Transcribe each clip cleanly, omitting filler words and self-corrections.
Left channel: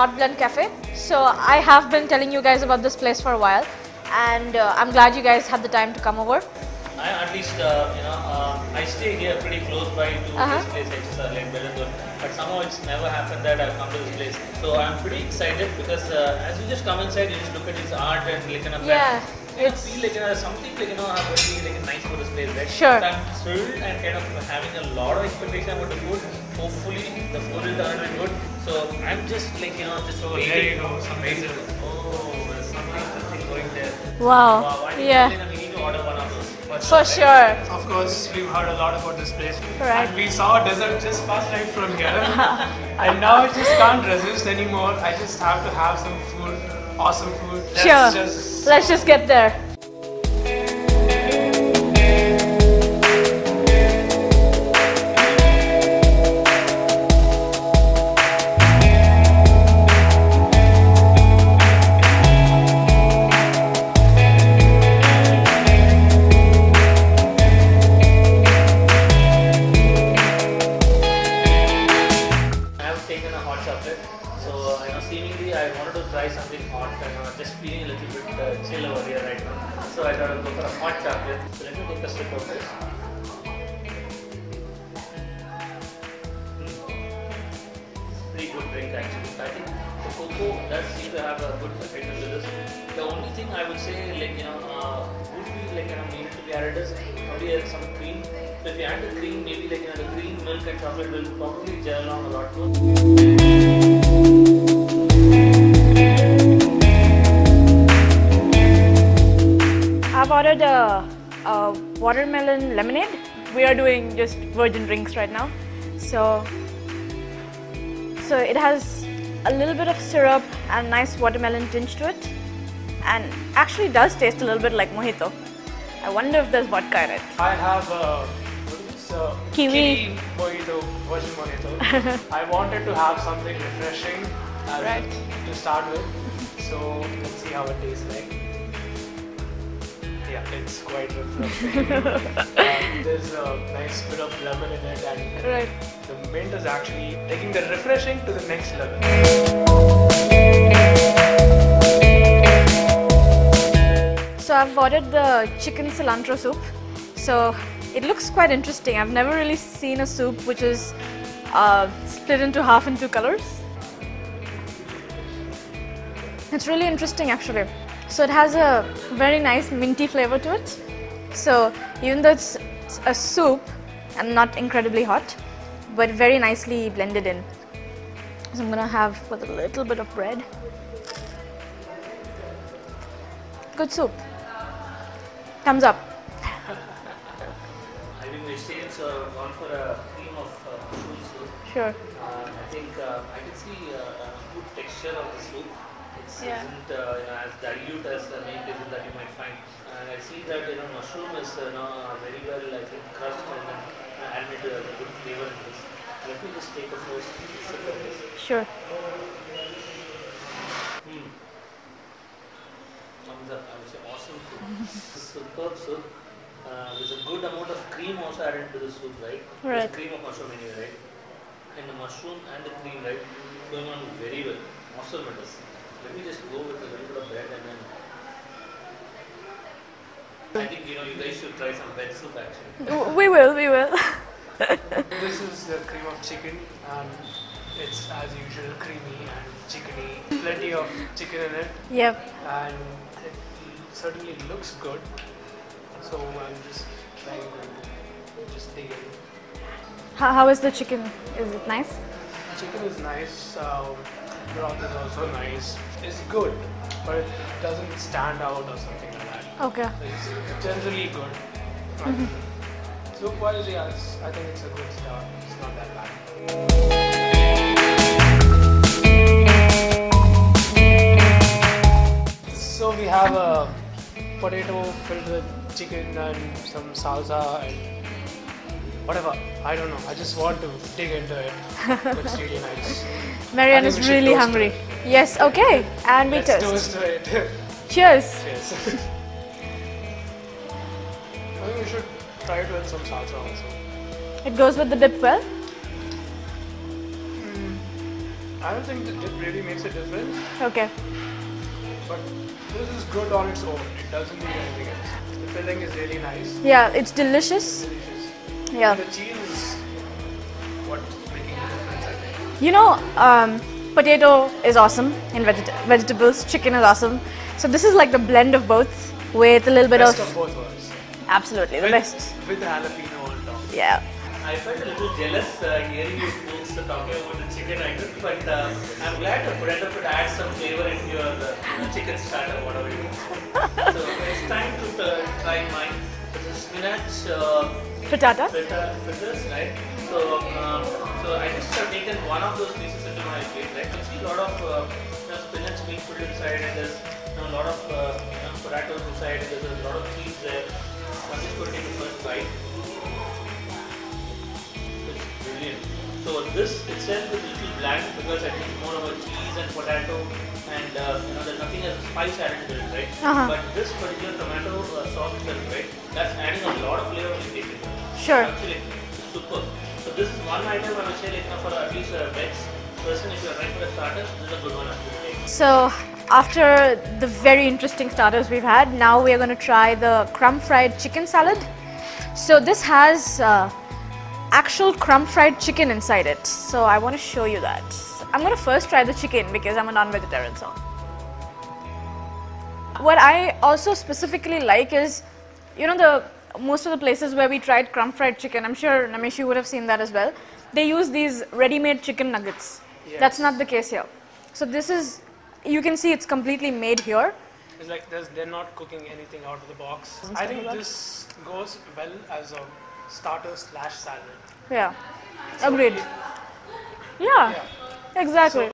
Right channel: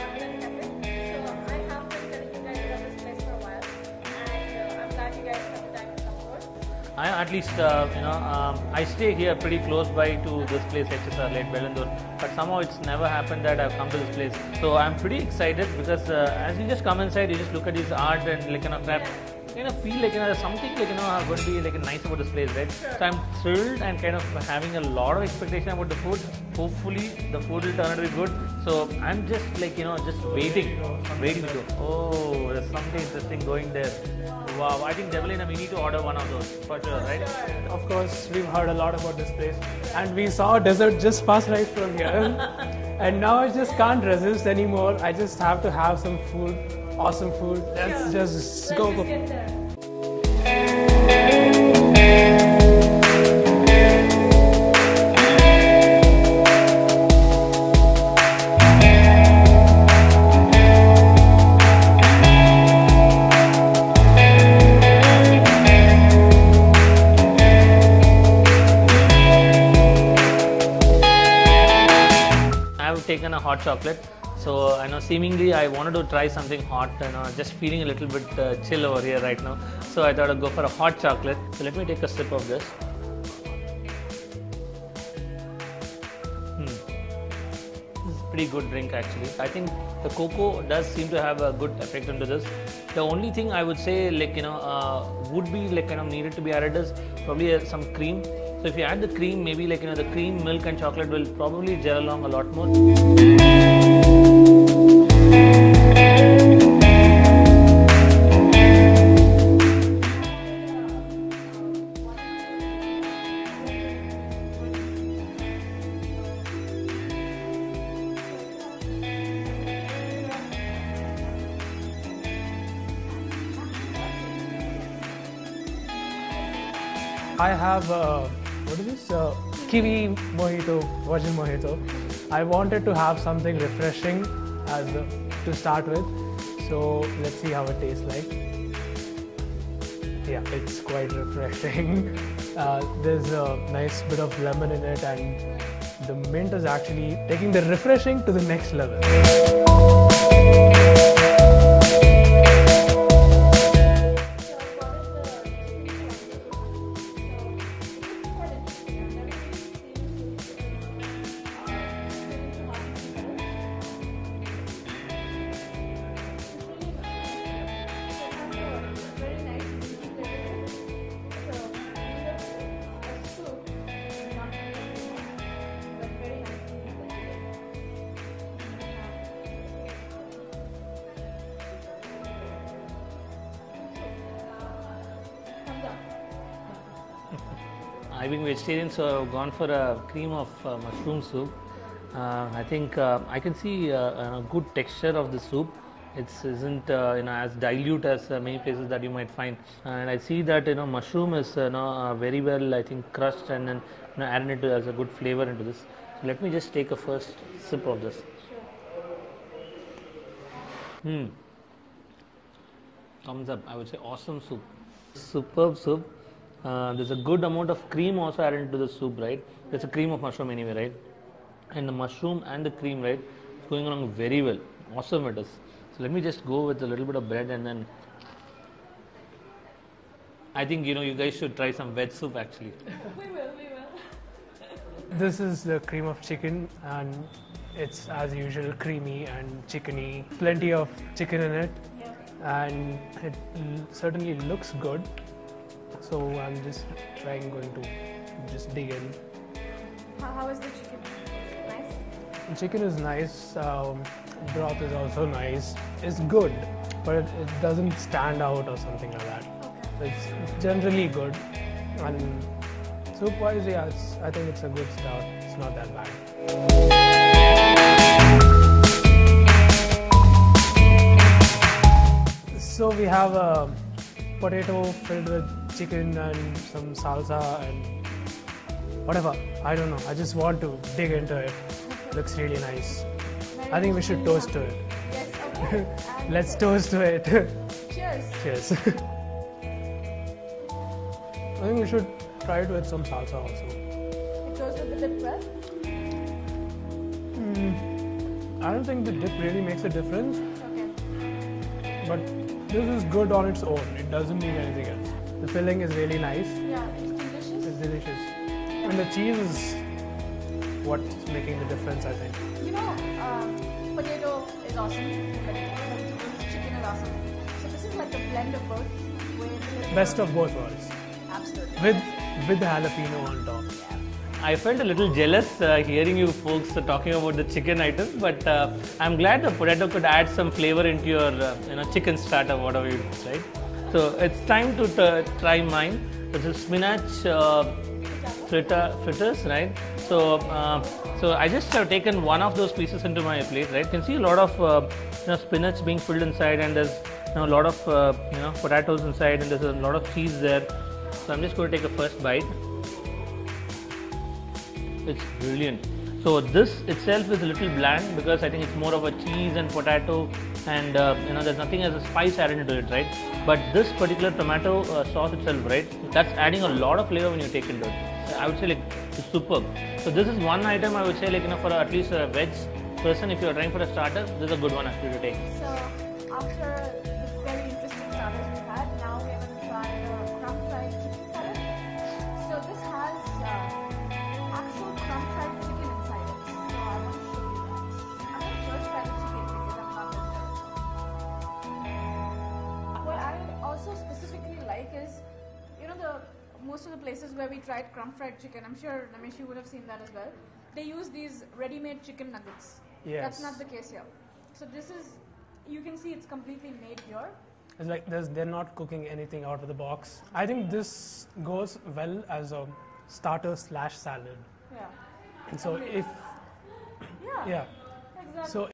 Art Blend Cafe. So I have been telling you guys about this place for a while, and I'm glad you guys had the time to come over. At least, I stay here pretty close by to this place, Lake Bellandur. But somehow it's never happened that I've come to this place. So I'm pretty excited because as you just come inside, you just look at his art and like I feel like something like going to be like nice about this place, right? Sure. So I'm thrilled and kind of having a lot of expectation about the food. Hopefully the food will turn out to be good. So I'm just like just waiting. Oh, there's something interesting going there. Wow. I think we need to order one of those. For sure. Of course, we've heard a lot about this place. Correct. And we saw a dessert just past right from here. And now I just can't resist anymore. I just have to have some food, awesome food. Let's just get there. Taken a hot chocolate, so I know seemingly I wanted to try something hot and just feeling a little bit chill over here right now, so I thought I'd go for a hot chocolate. So let me take a sip of this. It's a pretty good drink actually. I think the cocoa does seem to have a good effect to this. The only thing I would say would be needed to be added is probably some cream. So if you add the cream, maybe the cream, milk and chocolate will probably gel along a lot more. I've ordered a watermelon lemonade. We are doing just virgin drinks right now. So it has a little bit of syrup and nice watermelon tinge to it, and actually does taste a little bit like mojito. I wonder if there's vodka in it. I have what is this? Kiwi mojito, virgin mojito. I wanted to have something refreshing to start with. So let's see how it tastes like. Yeah, it's quite refreshing. There's a nice bit of lemon in it, and the mint is actually taking the refreshing to the next level. So I've ordered the chicken cilantro soup. So it looks quite interesting. I've never really seen a soup which is split into half in two colors. It's really interesting actually. So it has a very nice minty flavor to it. So even though it's a soup and not incredibly hot, but very nicely blended in. So I'm gonna have with a little bit of bread. Good soup. Thumbs up. I've been vegetarian, so I've gone for a cream of mushroom soup. Sure. I think I can see a good texture of the soup. It isn't as dilute as many places that you might find. And I see that mushroom is very well crushed and then added into as a good flavor into this. Let me just take a first sip of this. Sure. Thumbs up. I would say awesome soup. Superb soup. There's a good amount of cream also added into the soup, right? It's a cream of mushroom anyway, right? And the mushroom and the cream, right, going along very well. Awesome it is. So let me just go with a little bit of bread and then I think you guys should try some veg soup actually. We will. This is the cream of chicken, and it's as usual creamy and chickeny. Plenty of chicken in it. Yep. And it certainly looks good. So I'm just trying to just dig in. How is the chicken? Is it nice? The chicken is nice. Broth is also nice. It's good, but it doesn't stand out or something like that. Okay. It's generally good. Soup wise, yes, I think it's a good start. It's not that bad. So we have a potato filled with chicken and some salsa and whatever. I don't know. I just want to dig into it. Looks really nice. Marian is really hungry. Yes, okay. And we Let's toast to it. Cheers. Cheers. I think you should try it with some salsa also. It goes with the dip well? I don't think the dip really makes a difference, Okay. but this is good on its own. It doesn't need anything else. The filling is really nice. Yeah, it's It's delicious. delicious. Yeah. And the cheese is what's making the difference, I think. You know, potato is awesome in vegetables. Chicken is awesome. So this is like the blend of both with a little bit Best of of both worlds. absolutely the best. With the jalapeno on top. Yeah. I felt a little jealous hearing you folks talking about the chicken item, but I'm glad the potato could add some flavor into your chicken starter, whatever you say. So it's time to try mine. This is spinach Frittata. fritters, right? So, so I just have taken one of those pieces into my plate, right? You can see a lot of spinach being filled inside, and there's a lot of potatoes inside, and there's a lot of cheese there. So I'm just going to take the first bite. It's brilliant. So this itself is a little bland because I think it's more of a cheese and potato, and there's nothing as a spice added to it, right? But this particular tomato sauce itself, right? That's adding a lot of flavor when you take it into it. Sure. I would say like it's superb. So this is one item I would say like for at least a veg person, if you're trying for a starter, this is a good one actually to take. So after the very interesting starters we've had, now we are going to try the crumb fried chicken salad. So this has actual crumb fried chicken inside it. So I want to show you that. I'm going to first try the chicken because I'm a non-vegetarian. So what I also specifically like is, most of the places where we tried crumb fried chicken, I'm sure Nameesh you would have seen that as well, they use these ready-made chicken nuggets. Yes. That's not the case here. So this is, you can see it's completely made here. It's like they're not cooking anything out of the box. I think this goes well as a starter / salad. Yeah, So agreed. if- Yeah, exactly.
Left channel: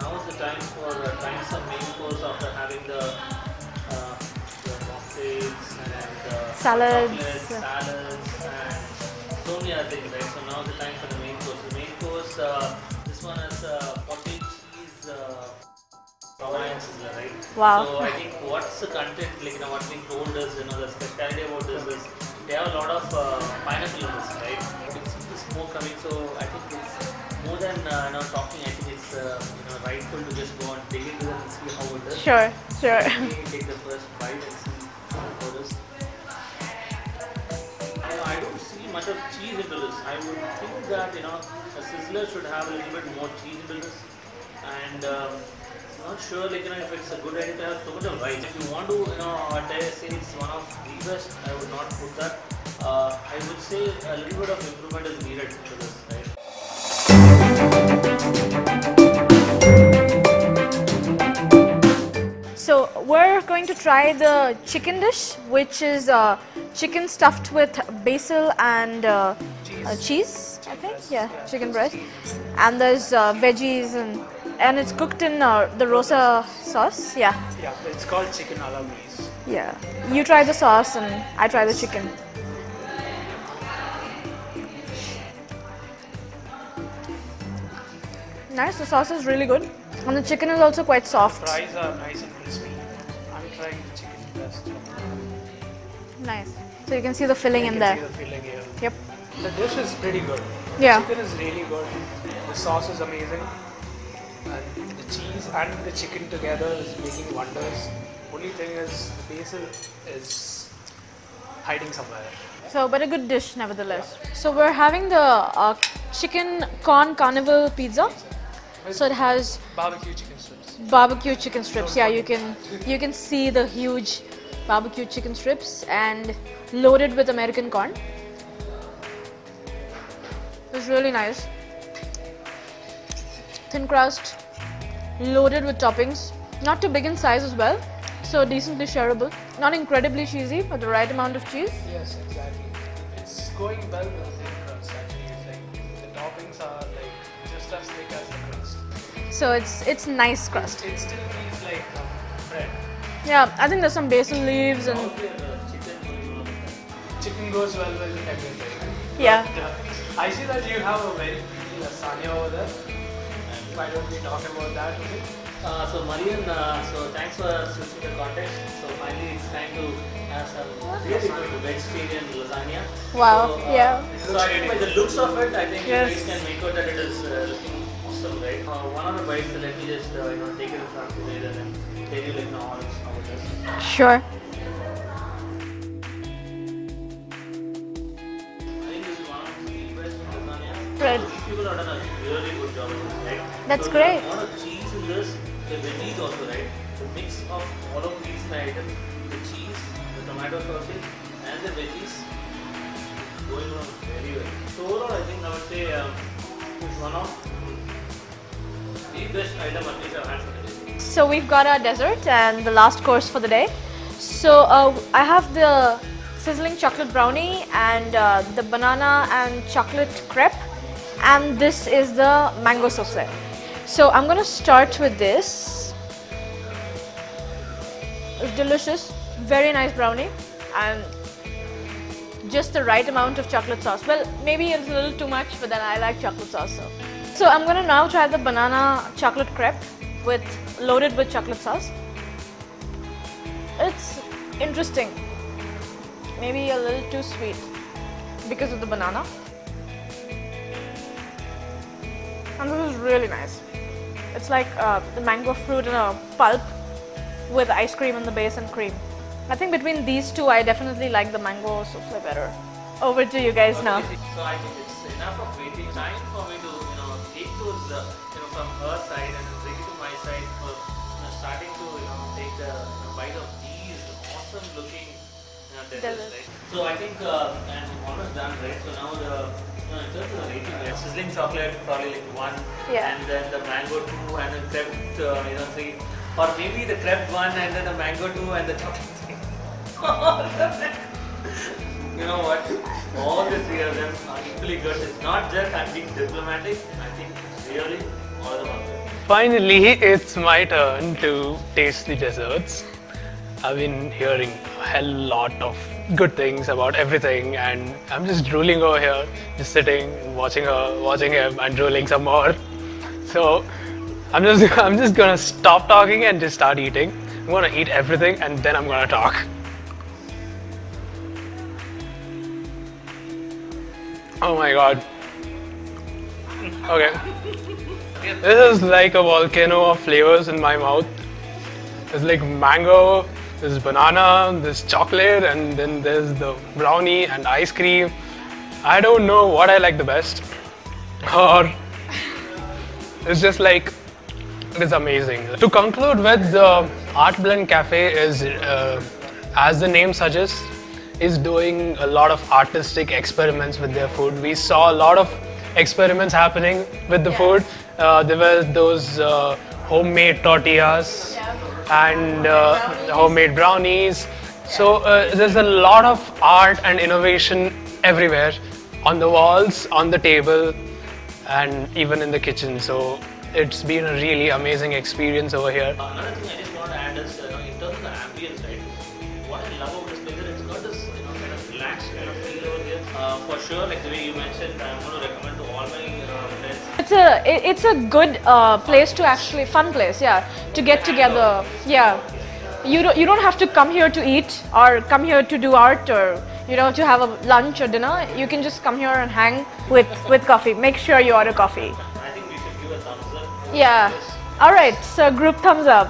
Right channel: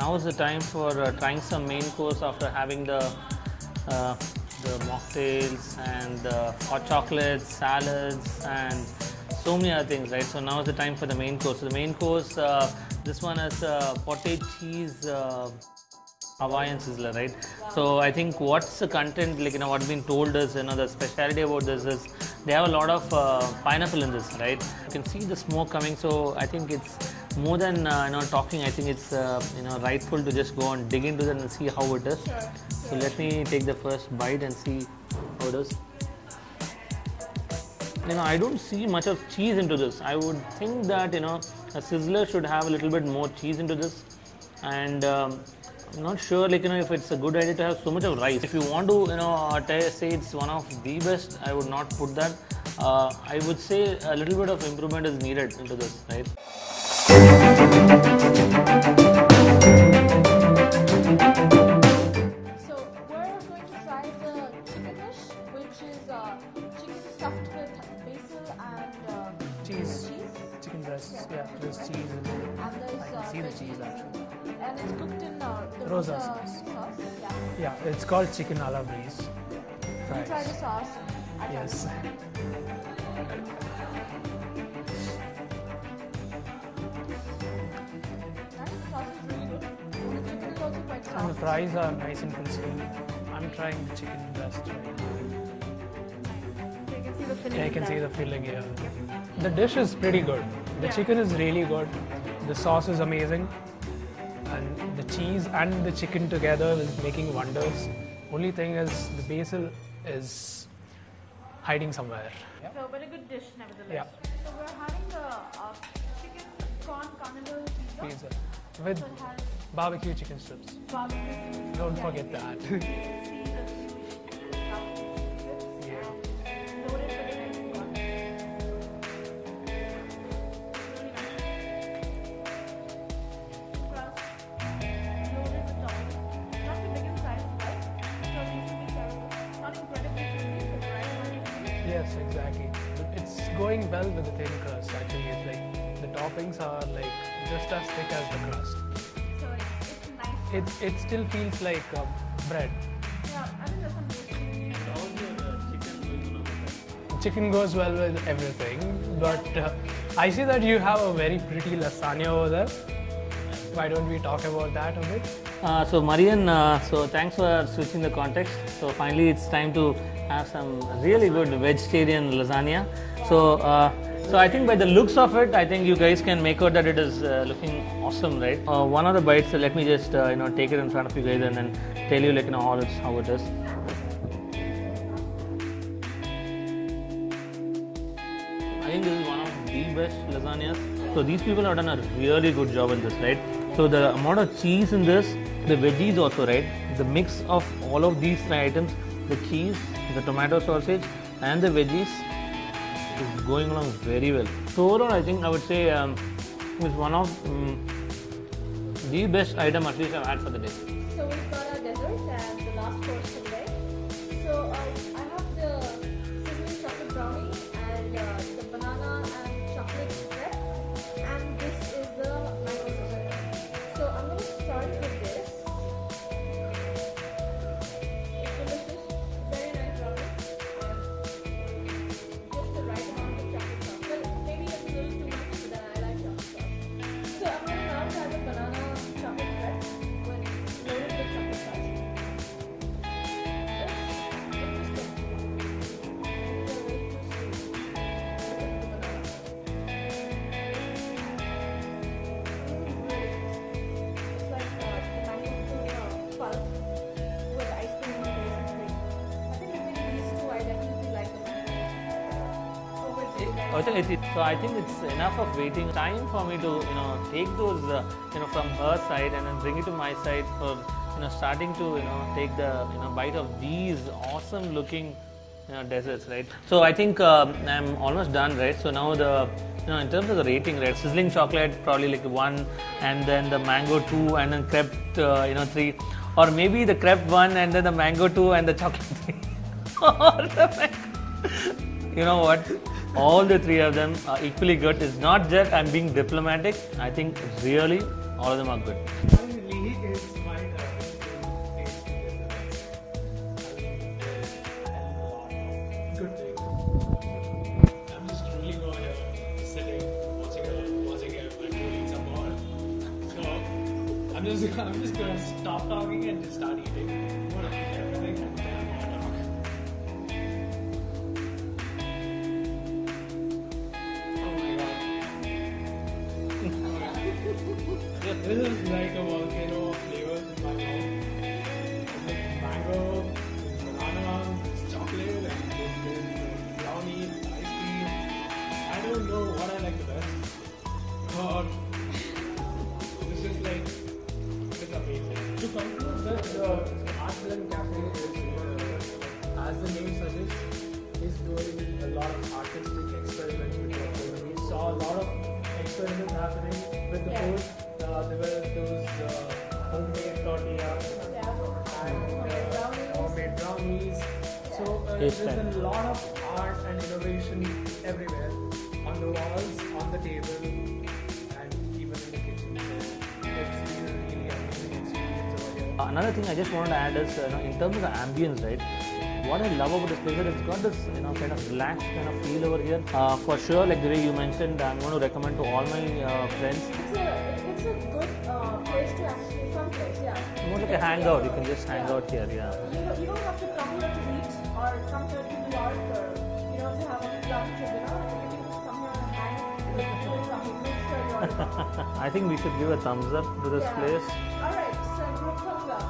Now is the time for trying some main course after having the mocktails and Salads. chocolates, salads, and so many other things, right? So now is the time for the main course. The main course, this one has potted cheese Hawaiian sizzler, right? Wow. So I think what's the content, like what's been told is, the specialty about this is they have a lot of pineapple in this, right? You can see the smoke coming, so I think it's more than talking. I think it's rightful to just go and dig into them and see how it is. Sure, So sure. let me take the first bite and see how it is. I don't see much of cheese into this. I would think that a sizzler should have a little bit more cheese into this, and I'm not sure if it's a good idea to have so much of rice. If you want to say it's one of the best, I would not put that. I would say a little bit of improvement is needed into this, right? So we're going to try the chicken dish, which is chicken stuffed with basil and cheese. I think, breast. yeah, Yeah, chicken it's breast. cheese. And there's veggies and it's cooked in the rosa sauce. Yeah, Yeah, it's called chicken a la brise. yeah. You try the sauce and I try the chicken. Nice. The sauce is really good, and the chicken is also quite soft. The fries are nice and crispy. I'm trying the chicken breast right now. Nice. So you can see the filling I in can there. see the filling here. Yep. The dish is pretty good. Yeah. The chicken is really good. The sauce is amazing. And the cheese and the chicken together is making wonders. Only thing is the basil is hiding somewhere. So, but a good dish nevertheless. So we're having the chicken corn carnival pizza. With So it has barbecue chicken strips. barbecue chicken strips. Yeah, you can see the huge barbecue chicken strips and loaded with American corn. It's really nice. Thin crust, loaded with toppings. Not too big in size as well, so decently shareable. Not incredibly cheesy, but the right amount of cheese. Yes, exactly. It's going well with the thin crust. Actually, it's like the toppings are like just as thick as the crust. So it's nice crust. It still feels like bread. Yeah, I think there's some basil leaves and Chicken goes well with everything. Yeah. But, I see that you have a very pretty lasagna over there. Why don't we talk about that a bit? So Marian, so thanks for switching the context. So finally it's time to have some really good vegetarian lasagna. Wow, So, yeah. So I think by the looks of it, I think you guys can make out that it is looking awesome, right? One of the bites, let me just take it in front of you guys and then tell you how it is. Sure. I think this is one of the best lasagnas. Right. So these people have done a really good job in this, right? That's so the great. amount of cheese in this, the veggies also, right? The mix of all of these items, the cheese, the tomato sausage and the veggies is going along very well. So overall, I think I would say it's one of the best item at least I've had for the day. So we've got our dessert and the last course for the day. So I have the sizzling chocolate brownie and the banana and chocolate crepe, and this is the mango souffle. So I'm going to start with this. It's delicious, very nice brownie and just the right amount of chocolate sauce. Well, maybe it's a little too much, but then I like chocolate sauce. So I'm going to now try the banana chocolate crepe loaded with chocolate sauce. It's interesting. Maybe a little too sweet because of the banana. And this is really nice. It's like the mango fruit in a pulp with ice cream in the base and cream. I think between these two, I definitely like the mango souffle better. Over to you guys now. So I think it's enough of waiting. Time for me to take those from her side and then bring it to my side for starting to take the bite of these awesome looking desserts, right? So I think I'm almost done, right? So now the in terms of the rating, right? Sizzling chocolate probably like 1, and then the mango 2, and then crepe 3, or maybe the crepe 1 and then the mango 2 and the chocolate 3. You know what? All the 3 of them are equally good. It's not just I'm being diplomatic. I think really all of them are good. Finally, it's my turn to taste the desserts. I've been hearing a hell lot of good things about everything, and I'm just drooling over here, just sitting, watching her, watching him, and drooling some more. So I'm just gonna stop talking and just start eating. I'm gonna eat everything, and then I'm gonna talk. Oh my god. Okay. This is like a volcano of flavors in my mouth. There's like mango, there's banana, there's chocolate, and then there's the brownie and ice cream. I don't know what I like the best. Or it's just like, it is amazing. To conclude with, the Art Blend Cafe is, as the name suggests, is doing a lot of artistic experiments with their food. We saw a lot of experiments happening with the food. There were those homemade tortillas and homemade brownies. So there's a lot of art and innovation everywhere, on the walls, on the table, and even in the kitchen. So it's been a really amazing experience over here. Another thing I just want to add is, in terms of the ambience, right? What I love about this place is it's got this kind of relaxed kind of feel over here. For sure, like the way you mentioned, I'm going to recommend to all my friends. It's a good place to actually, fun place, to get together. You don't have to come here to eat or come here to do art or to have a lunch or dinner. You can just come here and hang with coffee. Make sure you order coffee. I think we should give a thumbs up. All right. So group thumbs up.